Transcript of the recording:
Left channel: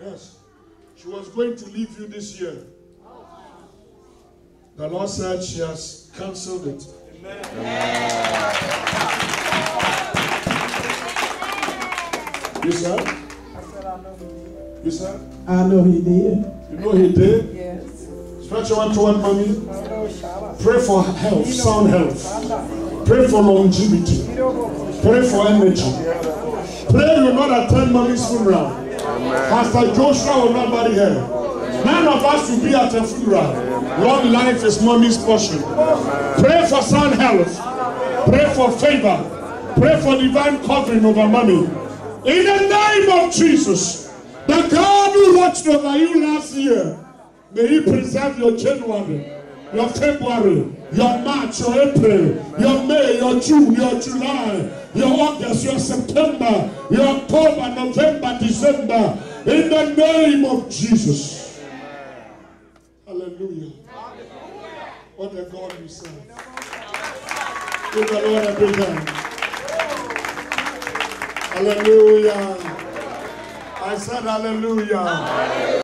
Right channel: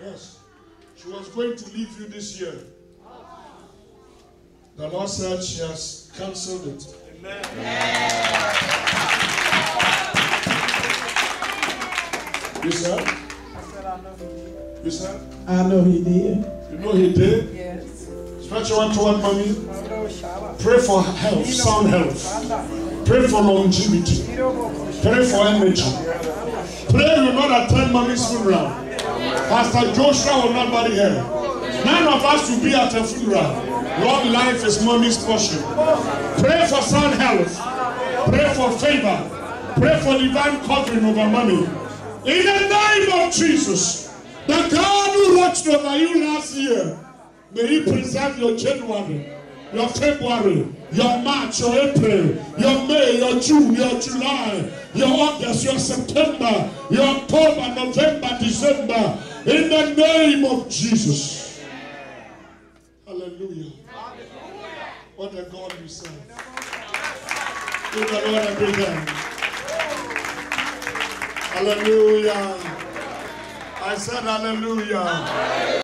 Yes. She was going to leave you this year. The Lord said she has cancelled it. Amen. You said? I said I know he did. You said? I know he did. You know he did? Yes. Stretch your hand toward mommy. Pray Pray for health, sound health. Pray for longevity. Pray for energy. Pray you will not attend mommy's funeral. Pastor Joshua will not bury her. None of us will be at her funeral. Long life is mommy's portion. Pray for sound health. Pray for favor. Pray for divine covering over mommy. In the name of Jesus, the God who watched over you last year, may He preserve your January, your February, your March, your April, your May, your June, your July, your August, your September, your October, November, December. In the name of Jesus. Hallelujah. What a God you serve. Give the Lord a big hand. Hallelujah. I said hallelujah.